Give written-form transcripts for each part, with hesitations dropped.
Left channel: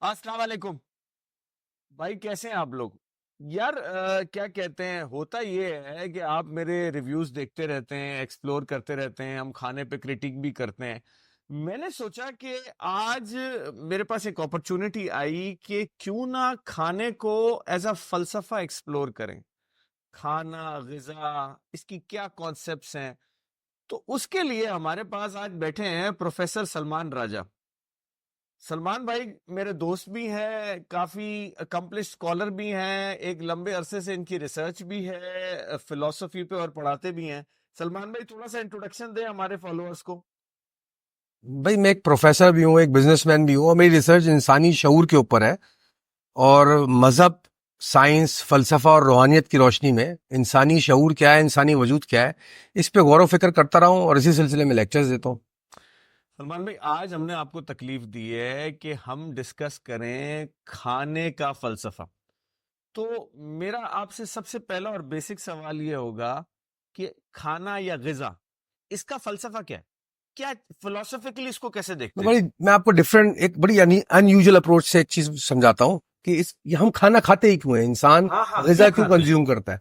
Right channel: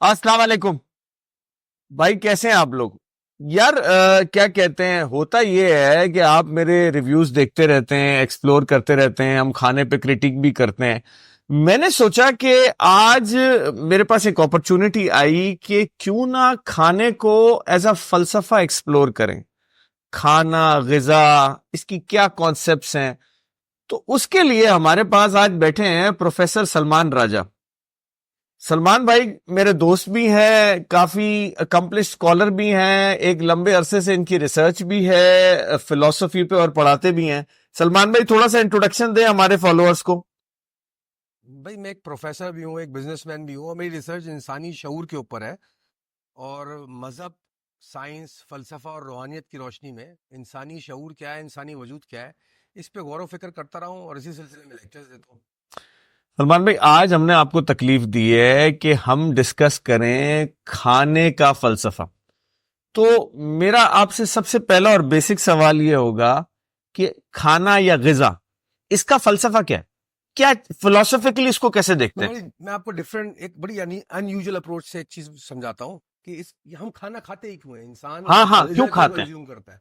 السلام علیکم بھائی، کیسے ہیں آپ لوگ؟ یار کیا کہتے ہیں، ہوتا یہ ہے کہ آپ میرے ریویوز دیکھتے رہتے ہیں، ایکسپلور کرتے رہتے ہیں، ہم کھانے پہ کرٹک بھی کرتے ہیں۔ میں نے سوچا کہ آج میرے پاس ایک اپرچونٹی آئی کہ کیوں نہ کھانے کو ایز اے فلسفہ ایکسپلور کریں۔ کھانا، غذا، اس کی کیا کانسیپٹس ہیں۔ تو اس کے لیے ہمارے پاس آج بیٹھے ہیں پروفیسر سلمان راجہ۔ سلمان بھائی میرے دوست بھی ہیں، کافی اکمپلشڈ اسکالر بھی ہیں، ایک لمبے عرصے سے ان کی ریسرچ بھی ہے فلسفی پہ اور پڑھاتے بھی ہیں۔ سلمان بھائی تھوڑا سا انٹروڈکشن دیں ہمارے فالوورز کو۔ بھائی میں ایک پروفیسر بھی ہوں، ایک بزنس مین بھی ہوں، اور میری ریسرچ انسانی شعور کے اوپر ہے، اور مذہب، سائنس، فلسفہ اور روحانیت کی روشنی میں انسانی شعور کیا ہے، انسانی وجود کیا ہے، اس پہ غور و فکر کرتا رہا ہوں اور اسی سلسلے میں لیکچرز دیتا ہوں۔ سلمان بھائی آج ہم نے آپ کو تکلیف دی ہے کہ ہم ڈسکس کریں کھانے کا فلسفہ۔ تو میرا آپ سے سب سے پہلا اور بیسک سوال یہ ہوگا کہ کھانا یا غذا، اس کا فلسفہ کیا ہے؟ کیا فلسفیکلی اس کو کیسے دیکھتے ہیں؟ میں آپ کو ایک بڑی ان یوزل اپروچ سے ایک چیز سمجھاتا ہوں کہ ہم کھانا کھاتے ہی کیوں ہیں، انسان غذا کیوں کنزیوم کرتا ہے۔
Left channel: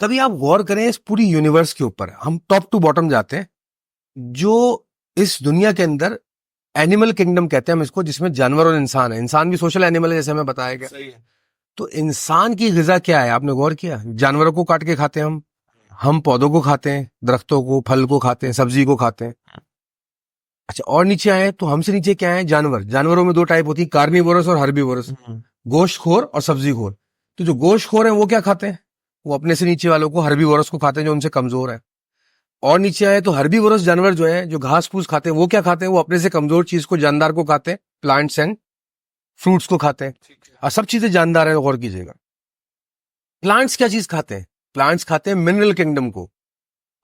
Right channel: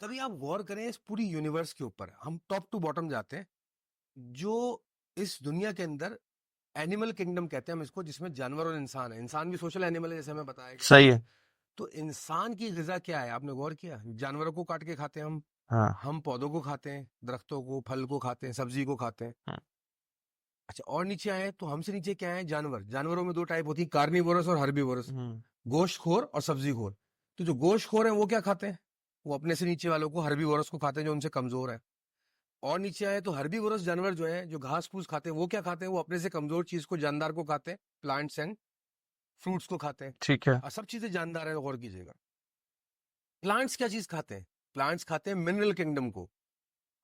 کبھی آپ غور کریں اس پوری یونیورس کے اوپر، ہم ٹاپ ٹو باٹم جاتے ہیں، جو اس دنیا کے اندر اینیمل کنگڈم کہتے ہیں ہم اس کو، جس میں جانور اور انسان ہے۔ انسان بھی سوشل اینیمل ہے جیسے ہمیں بتایا گیا۔ صحیح ہے۔ تو انسان کی غذا کیا ہے، آپ نے غور کیا؟ جانوروں کو کاٹ کے کھاتے ہیں ہم پودوں کو کھاتے ہیں، درختوں کو، پھل کو کھاتے ہیں، سبزی کو کھاتے ہیں۔ اچھا، اور نیچے آئے تو ہم سے نیچے کیا ہے؟ جانوروں میں دو ٹائپ ہوتی ہیں، کارنیورس اور ہربیورس، گوشت خور اور سبزی خور۔ تو جو گوشت خور ہیں وہ کیا کھاتے ہیں؟ وہ اپنے سے نیچے والوں کو، ہربیورس کو کھاتے ہیں جو ان سے کمزور ہے۔ اور نیچے آئے تو ہربیورس جانور جو ہیں، جو گھاس پھوس کھاتے ہیں، وہ کیا کھاتے ہیں؟ وہ اپنے سے کمزور چیز کو، جاندار کو کھاتے ہیں، پلانٹس اینڈ فروٹس کو کھاتے ہیں۔ ٹھیک ہے، اور سب چیزیں جاندار ہیں، غور کیجیے گا۔ پلانٹس کیا چیز کھاتے ہیں؟ پلانٹس کھاتے ہیں منرل کنگڈم کو۔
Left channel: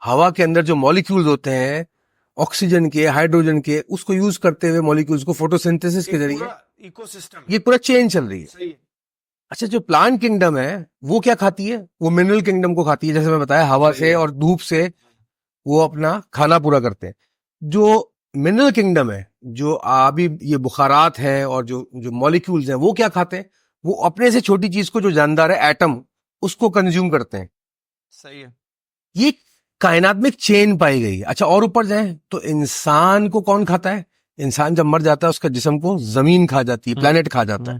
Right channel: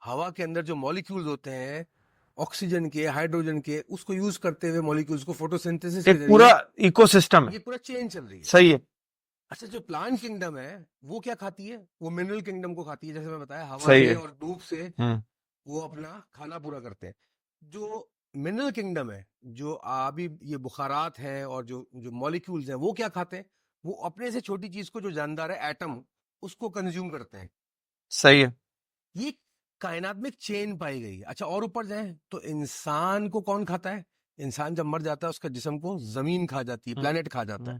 ہوا کے اندر جو مولیکیولز ہوتے ہیں، آکسیجن کے، ہائیڈروجن کے، اس کو یوز کرتے ہوئے مولیکیولز کو فوٹوسنتھسس کے ذریعے پورا ایکو سسٹم، یہ پورا چین چل رہی ہے۔ صحیح ہے۔ اچھا، جو پلانٹ کنگڈم ہے وہ کیا کھاتی ہے؟ وہ منرل کنگڈم کو کھاتی ہے، جیسے میں بتایا، ہوا سے اور دھوپ سے وہ اپنا کھانا پورا کرتے ہیں۔ جو منرل کنگڈم ہے، جو آبی یہ بخارات ہیں اور جو مولیکیولز ہیں، وہ کیا کھاتے ہیں؟ وہ اپنے سے چھوٹی چیز کو، جو جاندار ہے، ایٹم، اس کو کنزیوم کرتے ہیں۔ صحیح ہے۔ یہ کائنات میں ایک چین پائی گئی۔ اچھا، اور اوپر جائیں تو انسان کو کون کھاتا ہے؟ انسان جب مر جاتا ہے اس کا جسم کو زمین کھا جاتی ہے، پلانٹ کھا جاتا ہے۔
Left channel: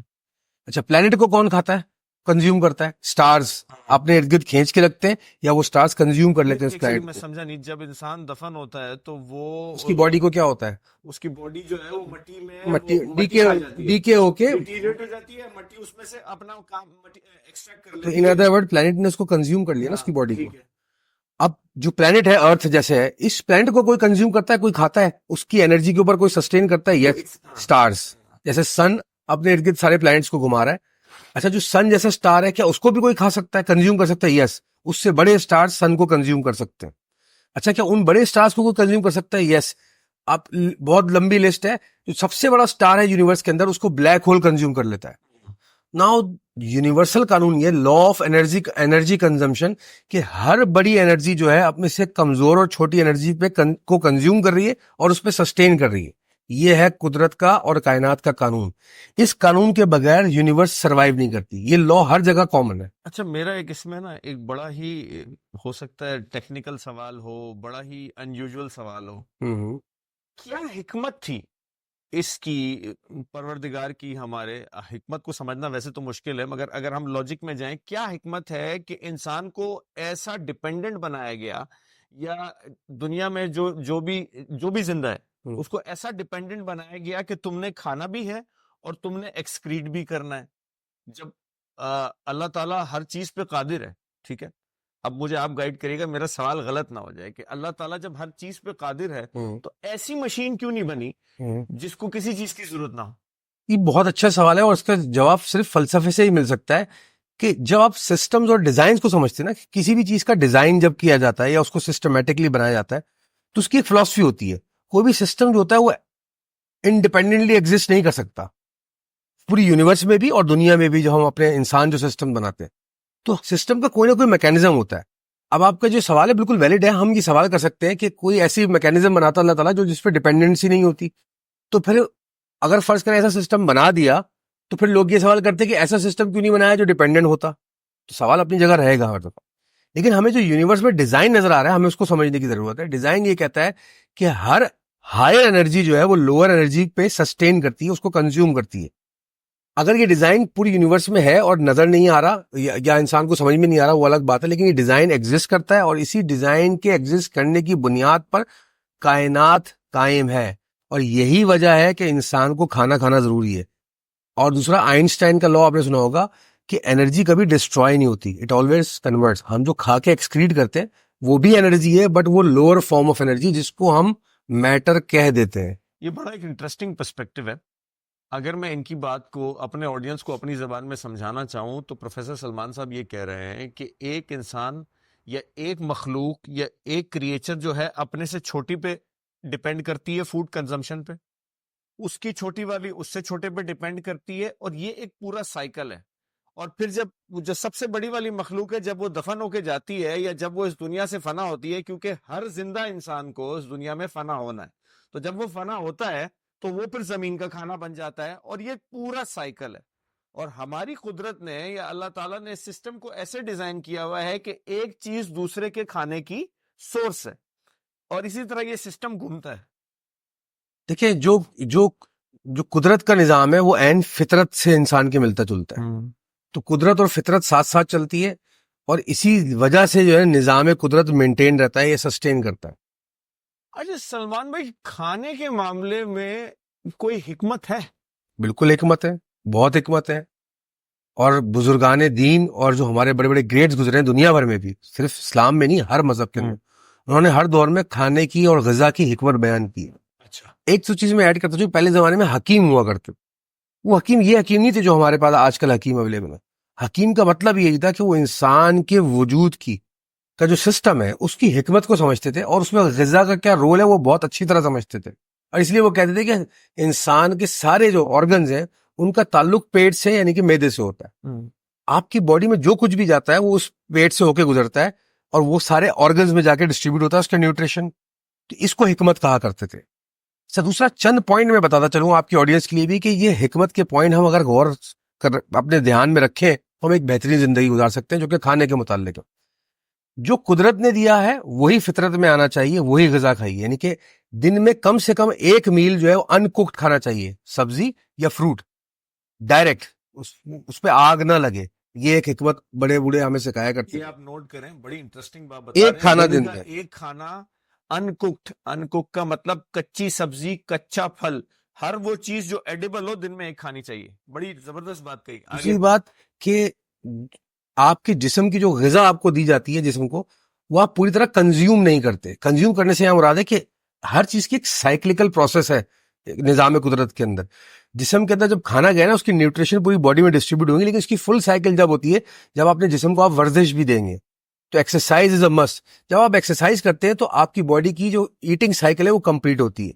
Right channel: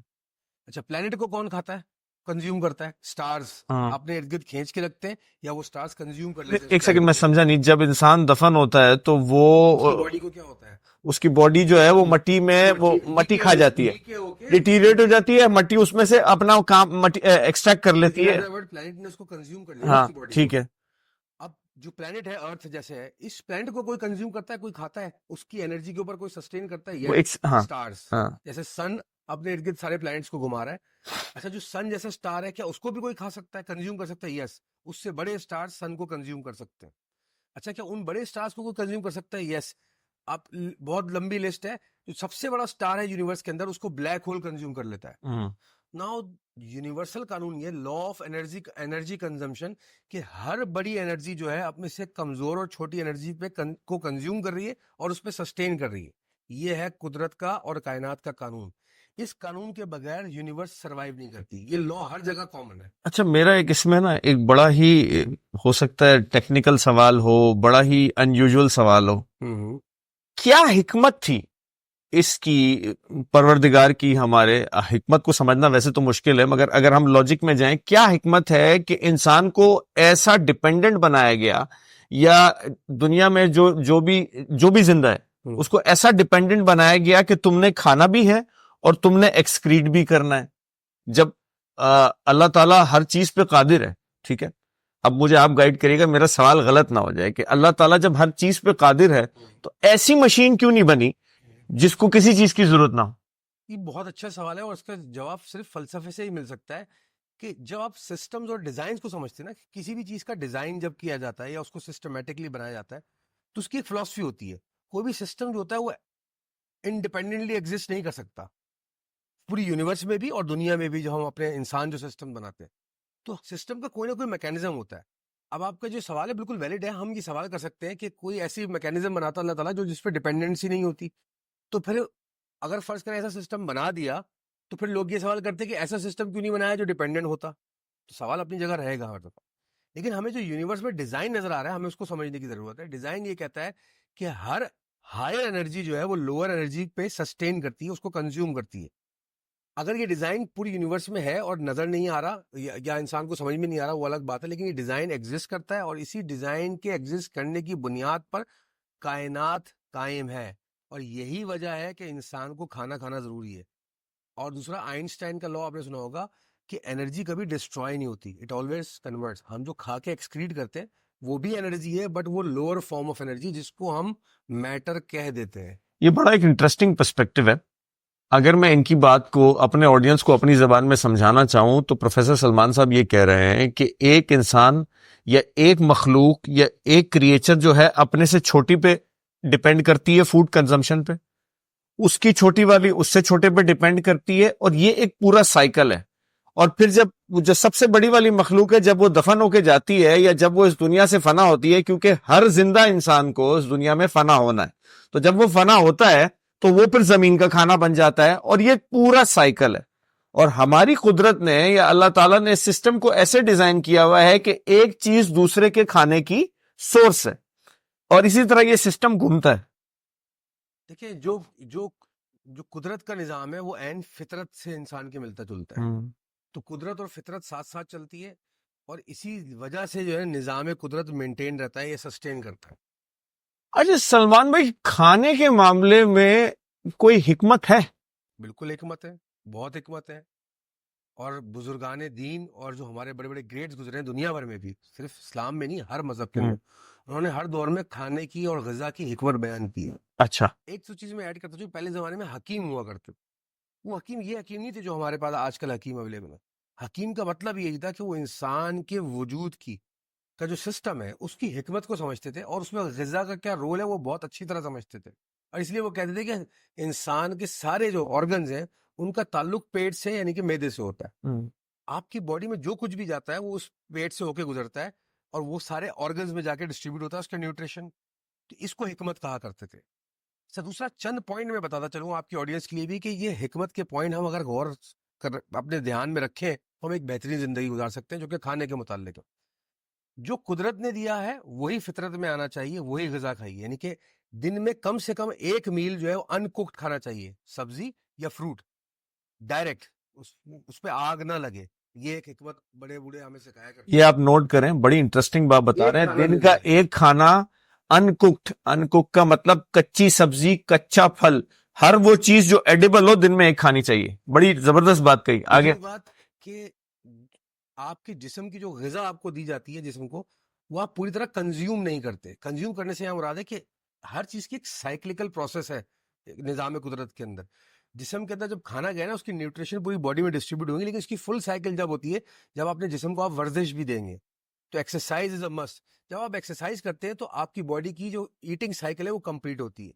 اچھا، پلانٹ کو کون کھاتا ہے، کنزیوم کرتا ہے؟ سٹارز اپنے ارد گرد کھینچ کے رکھتے ہیں، یا وہ سٹارز کنزیوم کر لیتے ہیں۔ ایک سیکنڈ، میں سمجھا نہیں، جب انسان دفن ہوتا ہے تو وہ اس کی باڈی کو کیا ہوتا ہے؟ اس کی باڈی جو ہے وہ مٹی میں، وہ مٹی کھا جاتی ہے، ڈیکے ہو کے ڈیٹیریٹ ہو جاتی ہے، مٹی اس میں سے اپنا کام ایکسٹریکٹ کر لیتی ہے۔ پلانٹ نے اس کو کنزیوم کر لیا اس کی باڈی۔ ٹھیک ہے۔ اب جو پلانٹ ہے، ارتھ جیسے ہے، اس پلانٹ کو کوئی کنزیوم کرتا ہے، کوئی کھاتا ہے، اس کی انرجی کے اوپر کوئی سسٹین کرتا ہے؟ یہ سٹارز، جیسے سن اپنے ارد گرد سارے پلانٹس کو گھما رہا ہے۔ اچھا، جو سن جیسا سٹار ہے، کیا اس کو بھی کوئی کھا سکتا ہے، کنزیوم کر سکتا ہے؟ یس، اس سے بڑے سٹار سن کو کنزیوم کر سکتے ہیں۔ اچھا، کیا ان بڑے سٹارز کو کوئی کنزیوم کر سکتا ہے؟ یس۔ اب بہت لمبی لسٹ ہے۔ جو سب سے بڑا سٹار ہے یونیورس کے اندر، اس کو بلیک ہول کنزیوم کر لیتا ہے۔ ناؤ یونیورسل قانون یہ لا آف انرجی کنزمپشن، کہ ہر بڑی انرجی جو ہے اپنے سے کمزور اور چھوٹی انرجی پہ کو کنزیوم کر رہی ہے اور اس پہ سسٹین کر رہی ہے۔ یہ ہے قدرت کا اور کائنات کا قانون۔ اس قانون کے بغیر یونیورس سروائیو نہیں کرتی۔ یہ لا ہر جگہ کامن ہے۔ اچھا، میرا ایک اس میں نا ایک بڑا ہی ہو سکتا ہے ٹیکنیکل سوال ہو، بڑا ہی ان یوزول سوال ہو، کیا حکمت تھی اس کی، پروردگار کی؟ ہمارے حکمت کو سمجھنا ویسے تو مشکل ہے، مگر اگر ہم لاجک میں جائیں، کیا حکمت ہے کہ انسان کو ایسا ڈیپینڈنٹ بنایا گیا، یا دنیا میں جو بھی زندہ ہے اس کو ایسا ڈیپینڈنٹ بنایا گیا کہ تم نے کھانا بھی ہے اور تم نے ایکسکریٹ بھی کرنا ہے؟ جب اللہ تعالیٰ ہر چیز پہ قادر ہے، ٹھیک ہے، اب مجھے آپ گائیڈ کریے گا، میرا سوال غلط نہ ہو جائے، کہ اللہ تعالیٰ جب ہر چیز پہ قادر ہے تو ایسی مشین کیوں نہیں بنی جس کو کسی چیز کی ضرورت نہ ہو؟ یہ بہت اچھا سوال ہے، اور اس کا جواب صرف فلسفے سے ہی مل سکتا ہے، کہ جب آپ سسٹمز اور ڈیزائنز کو سمجھتے ہیں نا، کسی بھی چیز کا ڈیزائن جب کیا جاتا ہے یا اس کو سسٹمیٹکلی بنایا جاتا ہے، تو اس کی ایک فلسفی ہوتی ہے۔ کوئی بھی سسٹم جو ہوتا ہے وہ انڈیپینڈنٹلی ایگزسٹ نہیں کر سکتا، پوری یونیورس میں بھی اور دنیا میں بھی۔ جو ہم اپنے انسان جو سسٹم بناتے ہیں، تو سسٹم کا کوئی نہ کوئی میکینزم ہوتا ہے۔ اب آپ کا جو سوال ہے بالکل ویلڈ ہے، ہم یہ سوال کر سکتے ہیں کہ کوئی ایسی میکینزم بناتا اللہ تعالیٰ جو جس پہ ڈیپینڈنسی نہیں ہوتی، تو پھر اگر فرض کریں ایسا سسٹم بنا دیا تو پھر لوگ یہ سوال کرتے ہیں کہ ایسا سسٹم کیوں نہیں بنایا جو ڈیپینڈنٹ ہوتا. تو سوال اپنی جگہ رہے گا ہر دفعہ, لیکن ہمیں جو یونیورس میں ڈیزائن نظر آ رہا ہے ہمیں اس کو سمجھنے کی ضرورت ہے. ڈیزائن یہ کہتا ہے کہ ہر ہائر انرجی جو ہے وہ لوور انرجی پہ سسٹین کرتی ہے, اس کو کنزیوم کرتی ہے. اگر یہ ڈیزائن پوری یونیورس میں ہے اور نظر نہیں آ رہا یا انسان کو سمجھ میں نہیں آ رہا وہ الگ بات ہے, لیکن یہ ڈیزائن ایگزسٹ کرتا ہے اور اسی ڈیزائن کے ایگزسٹ کرنے کی بنیاد پر کائنات قائم ہے. اور یہی وجہ ہے کہ انسان کو کھانا کھانا ضروری ہے. اور دوسرا آئنسٹائن کا لا آپ نے سنا ہوگا کہ انرجی کبھی ڈسٹروائے نہیں ہوتی, اٹ آلویز کنورٹس. ہم جو کھا کے ایکسکریٹ کرتے ہیں وہ بھی انرجی ہے, بٹ وہ لوور فارم آف انرجی جس کو ہم میٹر کہہ دیتے ہیں. یہ بڑا ایک انٹرسٹنگ پرسپیکٹو ہے. اگر میں ان کی بات کو اپنے آڈینس کو اپنی زبان میں سمجھانا چاہوں تو پروفیسر سلمان صاحب یہ کہہ رہے ہیں کہ ایک انسان یا ایک مخلوق یا ایک کریچر جو ہے اپنے سے چھوٹی پہ ڈیپینڈ کرتی ہے فوڈ کنزمپشن پہ, اس کی چھوٹی والی اس سے چھوٹے پہ ڈیپینڈ کرتی ہے, اور یہ ایک پورا سائیکل ہے. اور پھر جب سب سے بڑی والی مخلوق ہے جب وہ دفن ہو کے جاتی ہے یا جب وہ اس دنیا سے فنا ہوتی ہے, کیونکہ ہر زندہ انسان کو اس دنیا میں فنا ہونا ہے, تو جب وہ فنا ہوتا ہے تو وہ پھر زمین کا کھانا بن جاتا ہے, اور یہ پورا سائیکل ہے. اور ہماری قدرت نے یا اللہ تعالیٰ نے اس سسٹم کو ایسے ڈیزائن کیا ہوا ہے کہ ایک چیز دوسرے کے کھانے کی سورس ہے, اور اسی طرح یہ سسٹم گھومتا ہے. دیکھیں جو قدرت کا نظام ہے وہ عین فطرت سے انسان کے ملتا جلتا ہے. تو قدرت اور فطرت ساتھ ساتھ چلتی ہے, اور اسی وجہ سے جو ہے نظام قدرت مینٹین رہتا ہے, یہ سسٹین کرتا ہے. اچھا سلمان بھائی, کھانے کے معاملے میں کوئی حکمت ہے؟ بالکل حکمت ہے, بہت حکمت ہے. اور بزرگان دین اور جو ہمارے بڑے بڑے گریٹس گزرے ہیں دنیا بھر میں بھی, صرف اسلام میں نہیں ہر مذہب کے اندر, انہوں نے ہر دور میں کھانے کی اور غذا کی حکمت بیان کی ہے. اچھا, ایک تو چیز میں ایڈ کرتا ہوں, پہلے زمانے میں حکیم ہوا کرتے, وہ حکیم یہ حکیم نہیں تھے جو ہمارے پاس آج کل حکیم اویلیبل ہے. حکیم کا مطلب یہی تھا کہ وہ انسان کے وجود کی کا جو سسٹم ہے اس کی حکمت کو سمجھتے تھے, اور اس میں غذا کا کیا رول ہے وہ بہت اچھی طرح سمجھتے تھے. اور اس لیے وہ کہتے تھے کہ انسان کے سارے جو آرگنز ہیں ان کا تعلق پیٹ سے یعنی کہ معدے سے ہوتا ہے. آپ کی باڈی میں جو کچھ بھی جاتا ہے وہ اس پیٹ سے ہو کے گزرتا ہے, اور وہ سارے آرگنز میں جا کے ڈسٹریبیوٹ ہوتا ہے اس کا نیوٹریشن. تو اس کو حکمت کہا کرتے تھے. دوسرا چند پوائنٹ میں بتاتا چلوں آپ کی آڈینس کے لیے بھی کہ یہ حکمت کے پوائنٹ ہم اگر غور کر اپنے دھیان میں رکھیں تو ہم ایک بہترین زندگی گزار سکتے ہیں, جو کہ کھانے کے متعلق ہے. جو قدرت نے دیا ہے وہی فطرت میں آنا چاہیے, وہی غذا کھائیے. یعنی کہ دن میں کم سے کم ایک میل جو ہے وہ ان کوکڈ کھانا چاہیے, سبزی یا فروٹ ڈائریکٹ, اس پہ آگ نہ لگے. یہ ایک حکمت بڑے بوڑھے ہمیں سکھایا کرتے ہیں. یہ آپ نوٹ کریں, بڑی انٹرسٹنگ بات بتا رہے ہیں. دن کا ایک کھانا ان کوکڈ کا مطلب کچی سبزی, کچا پھل, ہر وہ چیز جو ایڈیبل ہو دن میں ایک کھانی چاہیے. بڑی زبردست بات کہی. آگے بات کہ آپ کے جسم کی جو غذا آپ کو دی جاتی ہے جسم کو, وہ آپ پوری طرح کنزیوم نہیں کرتے. کنزیوم کرنے سے یہاں مراد ہے کہ ہر چیز کی ایک سائیکلیکل پروسیس ہے نظام قدرت کے اندر. جسم کے اندر جب کھانا گیا نا اس کی نیوٹریشن پوری باڈی میں ڈسٹریبیوٹ ہوگی, لیکن اس کی فل سائیکل جب ہوتی ہے جب اپنے جسم کو آپ ورزش بھی دیں گے. تو ایکسرسائز از اے مسٹ. جب آپ ایکسرسائز کرتے ہیں تو آپ کی باڈی کی جو ایٹنگ سائیکل ہے وہ کمپلیٹ ہوتی ہے.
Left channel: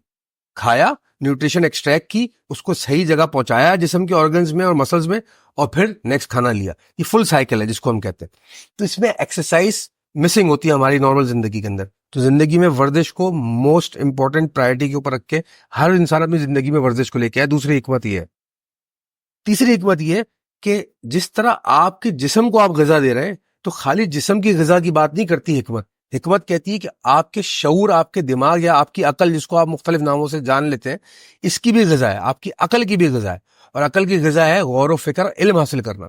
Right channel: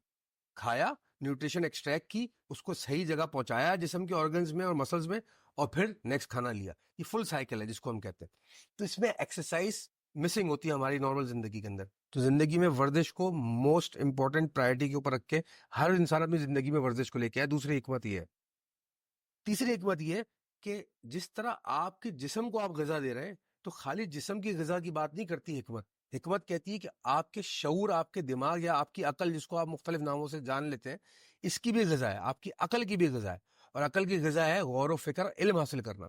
کھایا, نیوٹریشن ایکسٹریکٹ کی, اس کو صحیح جگہ پہنچایا جسم کے آرگنز میں اور مسلز میں, اور پھر نیکسٹ کھانا لیا. یہ فل سائیکل ہے جس کو ہم کہتے ہیں. تو اس میں ایکسرسائز مسنگ ہوتی ہے ہماری نارمل زندگی کے اندر. تو زندگی میں ورزش کو موسٹ امپورٹنٹ پرائرٹی کے اوپر رکھ کے ہر انسان اپنی زندگی میں ورزش کو لے کے آئے. دوسری حکمت یہ ہے. تیسری حکمت یہ کہ جس طرح آپ کے جسم کو آپ غذا دے رہے ہیں تو خالی جسم کی غذا کی بات نہیں کرتی حکمت. حکمت کہتی ہے کہ آپ کے شعور, آپ کے دماغ یا آپ کی عقل, جس کو آپ مختلف ناموں سے جان لیتے ہیں, اس کی بھی غذا ہے, آپ کی عقل کی بھی غذا ہے. اور عقل کی غذا ہے غور و فکر, علم حاصل کرنا.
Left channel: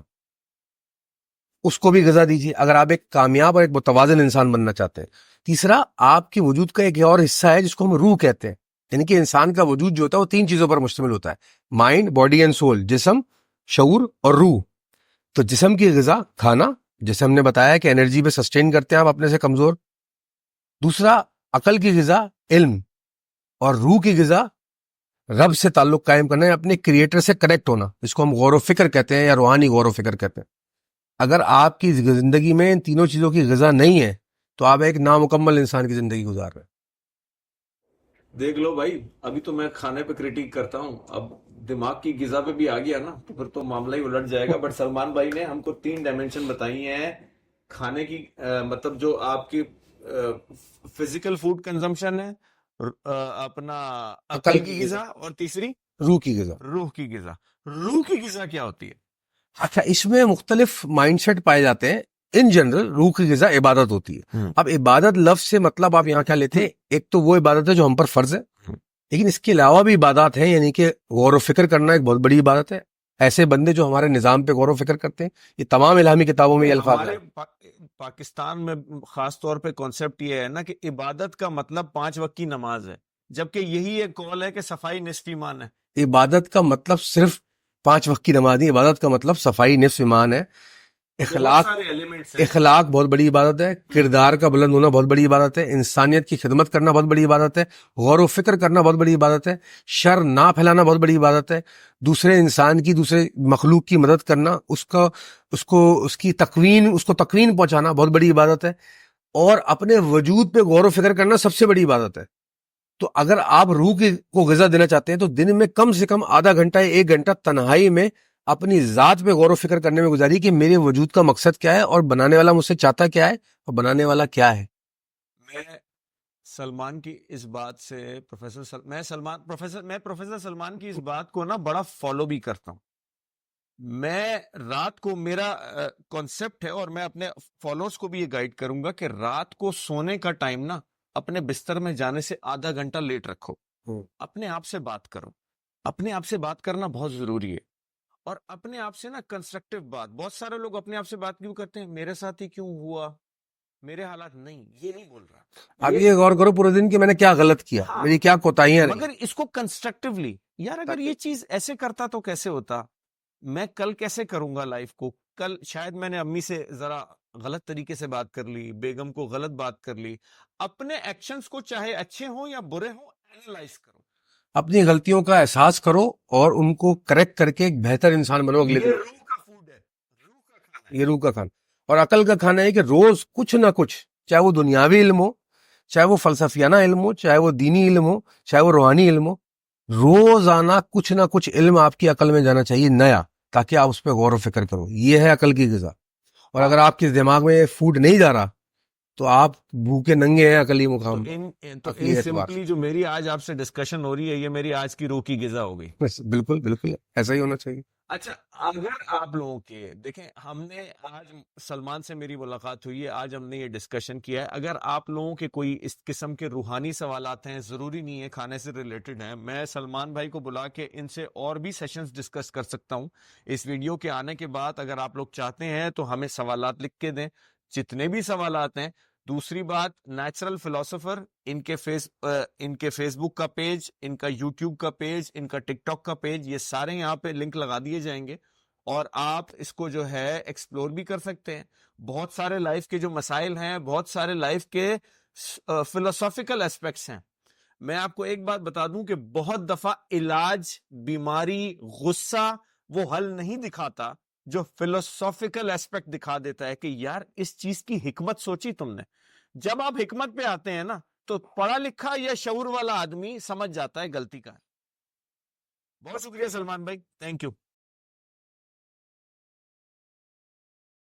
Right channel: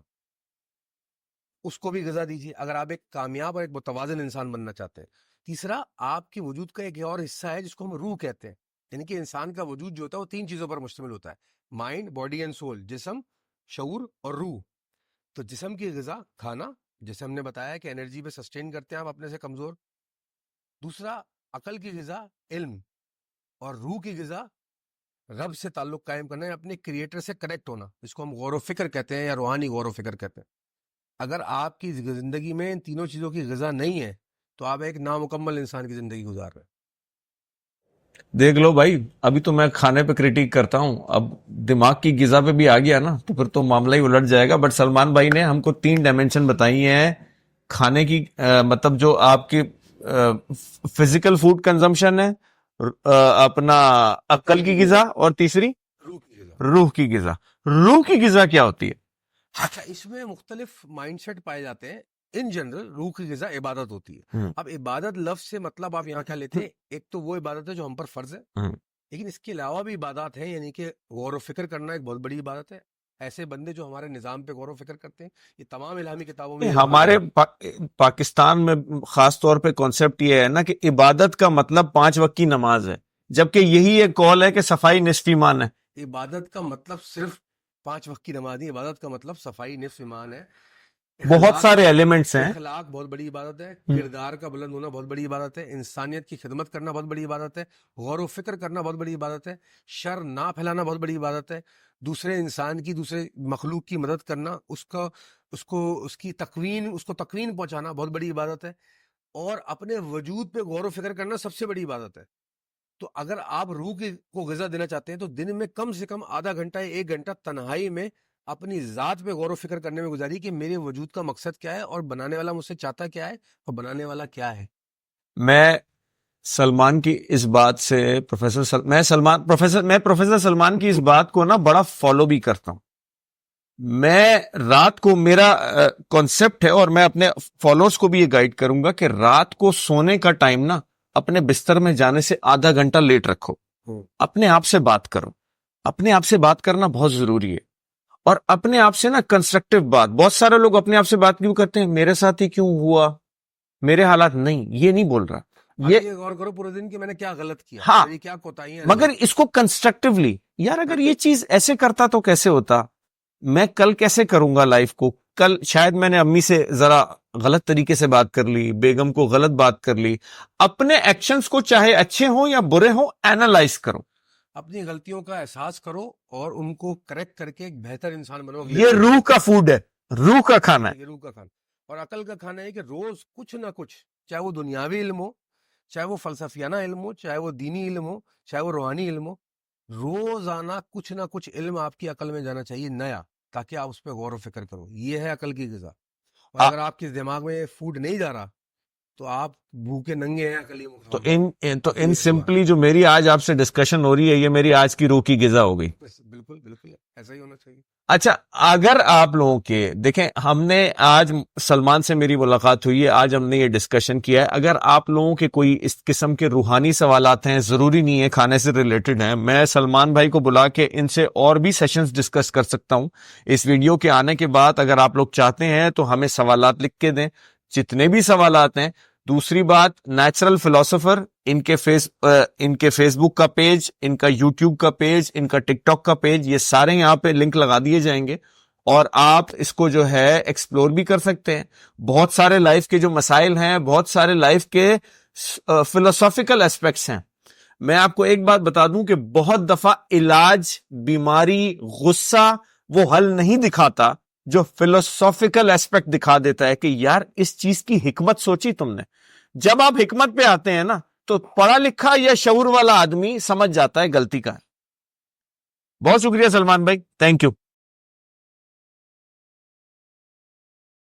اس کو بھی غذا دیجیے اگر آپ ایک کامیاب اور ایک متوازن انسان بننا چاہتے ہیں. تیسرا, آپ کے وجود کا ایک اور حصہ ہے جس کو ہم روح کہتے ہیں. یعنی کہ انسان کا وجود جو ہوتا ہے وہ 3 چیزوں پر مشتمل ہوتا ہے, مائنڈ, باڈی اینڈ سول. جسم, شعور اور روح. تو جسم کی غذا کھانا, جیسے ہم نے بتایا کہ انرجی پہ سسٹین کرتے ہیں آپ اپنے سے کمزور. دوسرا, عقل کی غذا علم, اور روح کی غذا رب سے تعلق قائم کرنا ہے, اپنے کریٹر سے کنیکٹ ہونا, جس کو ہم غور و فکر کہتے ہیں یا روحانی غور و فکر کہتے ہیں. اگر آپ کی زندگی میں ان تینوں چیزوں کی غذا نہیں ہے تو آپ ایک نامکمل انسان کی زندگی گزار رہے ہیں. دیکھ لو بھائی, ابھی تو میں کھانے پہ کریٹیک کرتا ہوں, اب دماغ کی غذا پہ بھی آ گیا نا تو پھر تو معاملہ ہی الٹ جائے گا. بٹ سلمان بھائی نے ہم کو 3 ڈائمینشن بتائی ہیں کھانے کی, مطلب جو آپ کی فزیکل فوڈ کنزمپشن ہے, اپنا عقل کی غذا, اور تیسری روح کی غذا. روح کی غذا. روح کی غذا کیا ہوتی ہے؟ اچھا اس میں مختلف مائنڈ سیٹ پائے جاتے ہیں. ان جنرل روح کی غذا عبادت ہوتی ہے. اب عبادت لفظ سے مطلب آپ یہاں کیا لیتے ہیں؟ ایک تو وہ عبادت ہے جو ہم پر فرض ہے, لیکن اس کے علاوہ بھی عبادات ہیں, یعنی کہ غور و فکر کرنا ایک بہت بڑی عبادت ہے. ایسے بندے جو ہمارے نظام پہ غور و فکر کرتے ہیں, یہ تمام الہامی کتابوں میں ہمارے پاکستان میں خاص طور پہ کانسیپٹ یہ ہے نا کہ عبادت کا مطلب 5 وقت کی نماز ہے, جبکہ یہی ایک قول ہے کہ صفائی نصف ایمان ہے. عبادت کا مطلب صرف 5 وقت کی نماز نہیں, عبادت کا مطلب صفائی نصف ایمان ہے. بہت سارے ایلیمنٹس ہیں. اخلاق بہت بڑی عبادت ہے, کردار کا بلند ہونا بہت بڑی عبادت ہے, انسانیت کی خدمت کرنا بہت بڑی عبادت ہے, غور و فکر کرنا بہت بڑی عبادت ہے, شر نہ پھیلانا بہت بڑی عبادت ہے, دوسرے انسان کی, دوسرے مخلوق کی مدد کرنا, اس کو تکوین پہنچانا بہت بڑی عبادت ہے, اور اپنے وجود پہ غور و فکر کرنا سب سے بڑی عبادت ہے. تو اگر آپ روح کو غذا دینا چاہتے ہیں تو دن میں کم سے کم آدھا گھنٹہ 1 گھنٹہ تنہائی میں اپنی ذات پہ غور و فکر کرنے میں گزاری کہ میرے وجود کا مقصد کیا ہے, اور بنانے والا مجھ سے چاہتا کیا ہے, اور بنانے والا کیا ہے. میں سلمان کی اس بات سے پروفیسر سلمان کی اس بات کو نا بڑا فالو بھی کرتا ہوں. میں رات کو, میرا کانسیپٹ ہے اور میں اپنے فالوورز کو بھی یہ گائیڈ کروں گا کہ رات کو سونے کا ٹائم نا اپنے بستر میں جانے سے آدھا گھنٹہ لیٹ رکھو. اپنے آپ سے بات کرو. اپنے آپ سے بات کرنا بہت ضروری ہے, اور اپنے آپ سے نا کنسٹرکٹیو بات. بہت سارے لوگ اپنے آپ سے بات کیوں کرتے ہیں, میرے ساتھ ہی کیوں ہوا, میرے حالات نہیں, یہ نہیں بول رہا. یہ غور کرو پورے دن کہ میں نے کیا غلط کیا, میری کیا کوتاہیاں, مگر اس کو کنسٹرکٹیولی, یار اگر یہ چیز ایسے کرتا تو کیسے ہوتا, میں کل کیسے کروں گا لائف کو. کل شاید میں نے امی سے ذرا غلط طریقے سے بات کر لی, بیگم کو غلط بات کر لی. اپنے ایکشنز کو چاہے اچھے ہوں یا برے ہوں اینالائز کرو, اپنی غلطیوں کا احساس کرو اور ان کو کریکٹ کر کے ایک بہتر انسان بنو. یہ روح کا فوڈ ہے, روح کا کھانا ہے, یہ روح کا کھانا. اور عقل کا کھانا ہے کہ روز کچھ نہ کچھ, چاہے وہ دنیاوی علم ہو, چاہے وہ فلسفیانہ علم ہو, چاہے وہ دینی علم ہو, چاہے وہ روحانی علم ہو, روزانہ کچھ نہ کچھ علم آپ کی عقل میں جانا چاہیے نیا, تاکہ آپ اس پہ غور و فکر کرو. یہ ہے عقل کی غذا. اور اگر آپ کے دماغ میں فوڈ نہیں جا رہا تو آپ بھوکے ننگے ہیں عقلی مقام. تو ان سمپلی جو میری آج آپ سے ڈسکشن ہو رہی ہے, یہ میری آج کی روح کی غذا ہو گئی. بالکل بالکل ایسا ہی ہونا چاہیے. اچھا, اگر آپ لوگوں کے دیکھیں, ہم نے آج سلمان سے میری ملاقات ہوئی ہے, آج ہم نے یہ ڈسکشن کیا ہے. اگر آپ لوگوں کے کوئی اس قسم کے روحانی سوالات ہیں, ضروری نہیں ہے کھانے سے ریلیٹڈ ہیں, میں سلمان بھائی کو بلا کے ان سے اور بھی سیشنز ڈسکس کر سکتا ہوں. اس ویڈیو کے آنے کے بعد اگر آپ لوگ چاہتے ہیں تو ہمیں سوالات لکھ کے دیں, جتنے بھی سوالات ہیں. دوسری بات, نیچرل فلاسفر, ان کے فیس بک کا پیج, ان کا یوٹیوب کا پیج, ان کا ٹک ٹاک کا پیج, یہ سارے یہاں پہ لنک لگا دیے جائیں گے, اور آپ اس کو جو ہے ایکسپلور بھی کر سکتے ہیں. بہت سارے لائف کے جو مسائل ہیں, بہت سارے لائف کے فلسافیکل ایسپیکٹس ہیں. میں آپ کو ایک بات بتا دوں کہ بہت دفعہ علاج, بیماری, غصہ وہ حل نہیں دکھاتا, جو فلسافیکل ایسپیکٹ دکھا دیتا ہے کہ یار اس چیز کی حکمت سوچی تم نے. جب آپ حکمت پہ آتے ہیں نا تو پڑھا لکھا یا شعور والا آدمی سمجھ جاتا ہے غلطی کا ہے. بہت شکریہ سلمان بھائی, تھینک یو.